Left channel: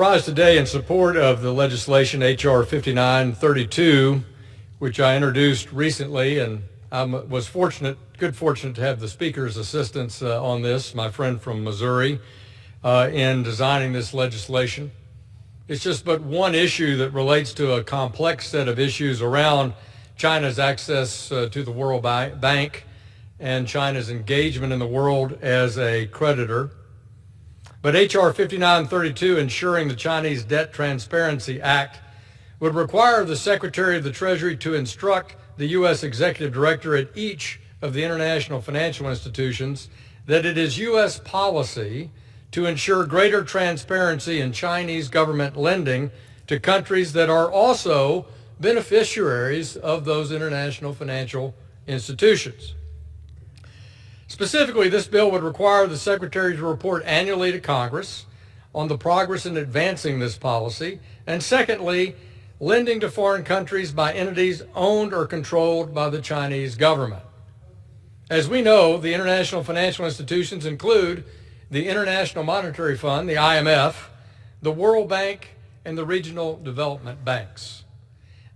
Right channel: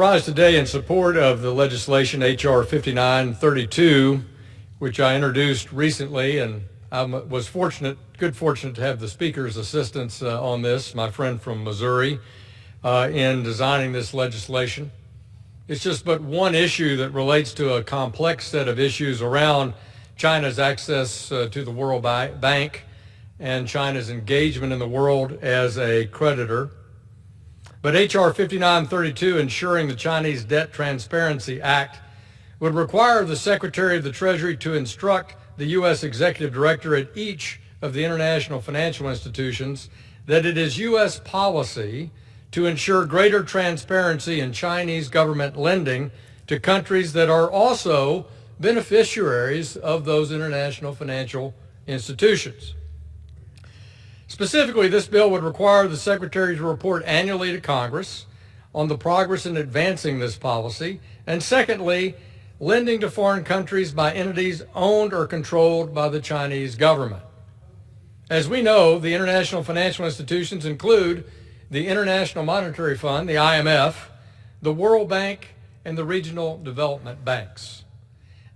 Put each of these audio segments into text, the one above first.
rise today in support of the legislation H.R. 5932, which I introduced recently, and I was fortunate to have the Speaker's assistance on this, my friend from Missouri, in designing this legislation. It's just but one issue that relates to a complex set of issues around China's access to the World Bank and China's engagement in the world as a creditor. But H.R. 5932, ensuring the Chinese Debt Transparency Act, would require the Secretary of the Treasury to instruct the U.S. Executive Director at each of the international financial institutions that it is U.S. policy to ensure greater transparency in Chinese government lending to countries that are also beneficiaries of those international financial institutions. Specifically, this bill would require the Secretary to report annually to Congress on the progress in advancing this policy, and secondly, lending to foreign countries by entities owned or controlled by the Chinese government. As we know, the international financial institutions include the International Monetary Fund, the IMF, the World Bank, and the regional development banks.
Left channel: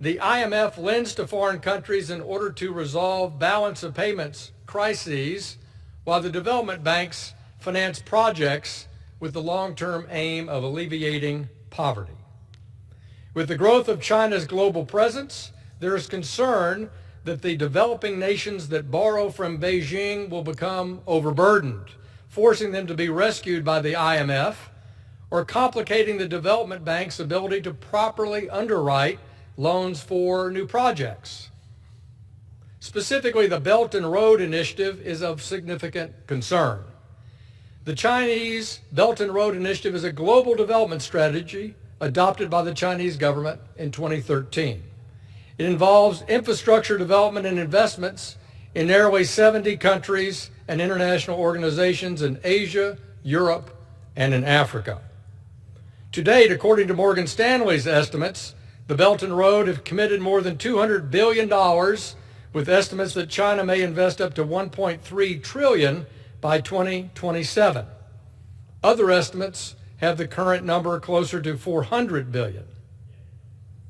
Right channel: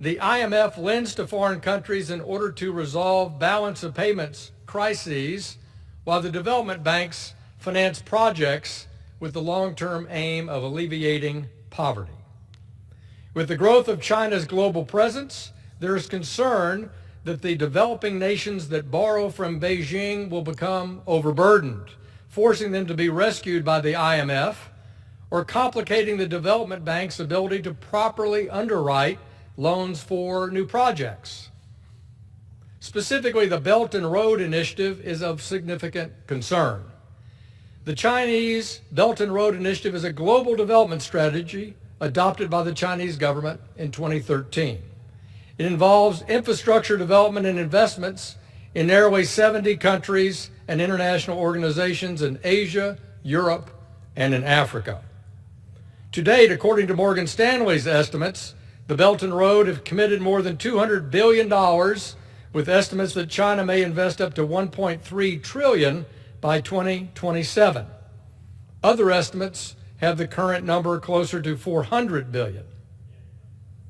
The IMF lends to foreign countries in order to resolve balance of payments crises, while the development banks finance projects with the long-term aim of alleviating poverty. With the growth of China's global presence, there is concern that the developing nations that borrow from Beijing will become overburdened, forcing them to be rescued by the IMF, or complicating the development bank's ability to properly underwrite loans for new projects. Specifically, the Belt and Road Initiative is of significant concern. The Chinese Belt and Road Initiative is a global development strategy adopted by the Chinese government in 2013. It involves infrastructure development and investments in nearly 70 countries and international organizations in Asia, Europe, and in Africa. To date, according to Morgan Stanley's estimates, the Belt and Road have committed more than $200 billion, with estimates that China may invest up to $1.3 trillion by 2027. Other estimates have the current number closer to $400 billion.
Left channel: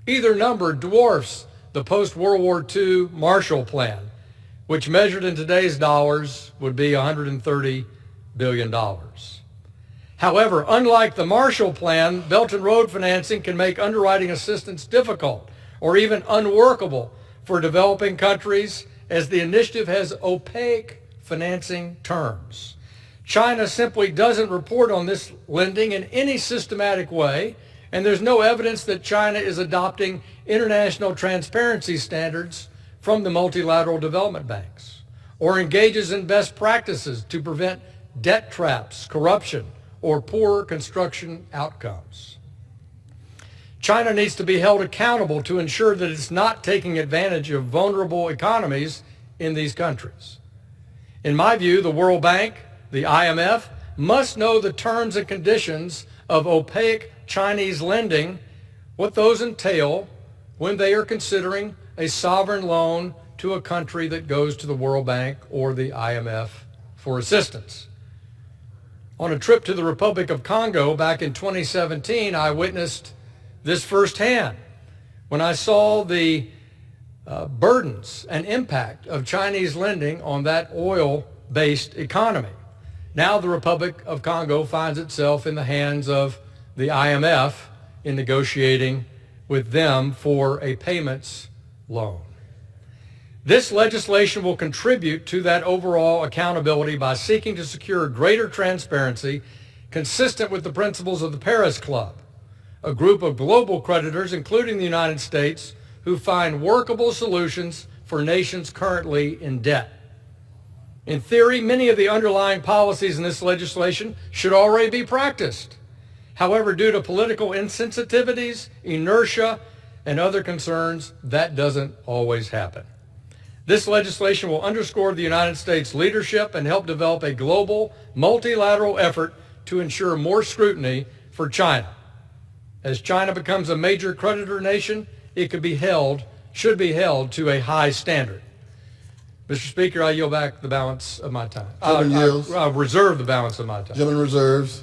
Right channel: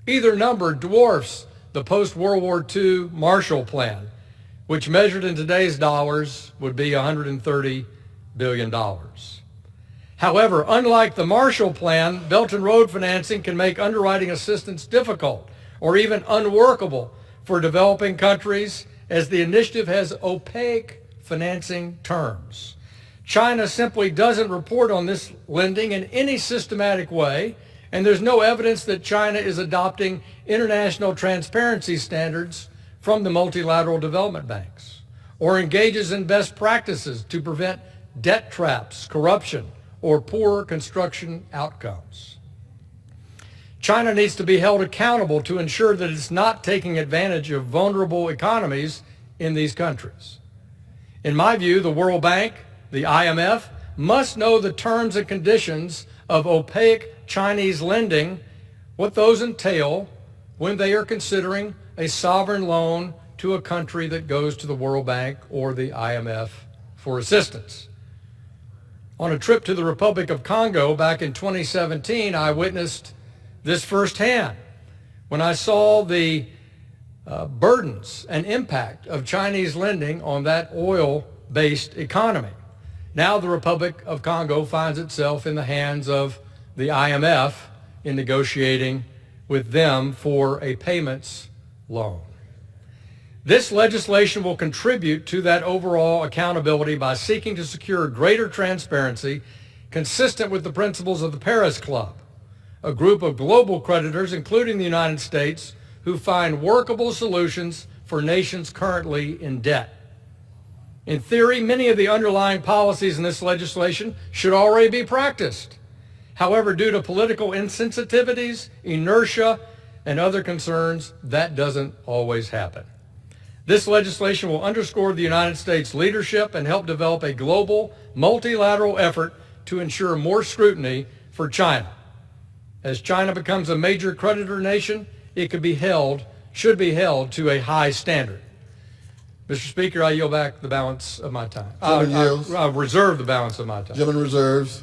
Either number dwarfs the post-World War II Marshall Plan, which measured in today's dollars would be $130 billion. However, unlike the Marshall Plan, Belt and Road financing can make underwriting assistance difficult or even unworkable for developing countries, as the initiative has opaque financing terms. China simply doesn't report on this lending in any systematic way, and there's no evidence that China is adopting international transparency standards from the multilateral development banks, or engages in best practices to prevent debt traps, corruption, or poor construction outcomes. China needs to be held accountable to ensure that it's not taking advantage of vulnerable economies in these countries. In my view, the World Bank, the IMF, must know the terms and conditions of opaque Chinese lending, what those entail when they are considering a sovereign loan to a country that goes to the World Bank or the IMF for assistance. On a trip to the Republic of Congo back in 2017, I witnessed this firsthand when I saw the burdens and impact of Chinese lending on that oil-based economy. Now the Republic of Congo finds itself in the hands of the IMF in negotiating with them for a payments loan. This legislation will contribute to that overall accountability by seeking to secure greater transparency consistent with the principles of the Paris Club, a group of global creditors, including the United States, who find workable solutions for nations currently in debt. In theory, many of the underlying policies in this legislation should already be practiced. However, due to political insensitivities, inertia, and other concerns, that doesn't always happen. This legislation will underscore the United States leadership and help develop a global, multilateral effort to ensure more scrutiny for China. As China becomes a major creditor nation, it should be held to a high standard. Mr. Speaker, I yield back the balance of my time. Gentleman yields. I reserve the balance of my time. Gentleman reserves.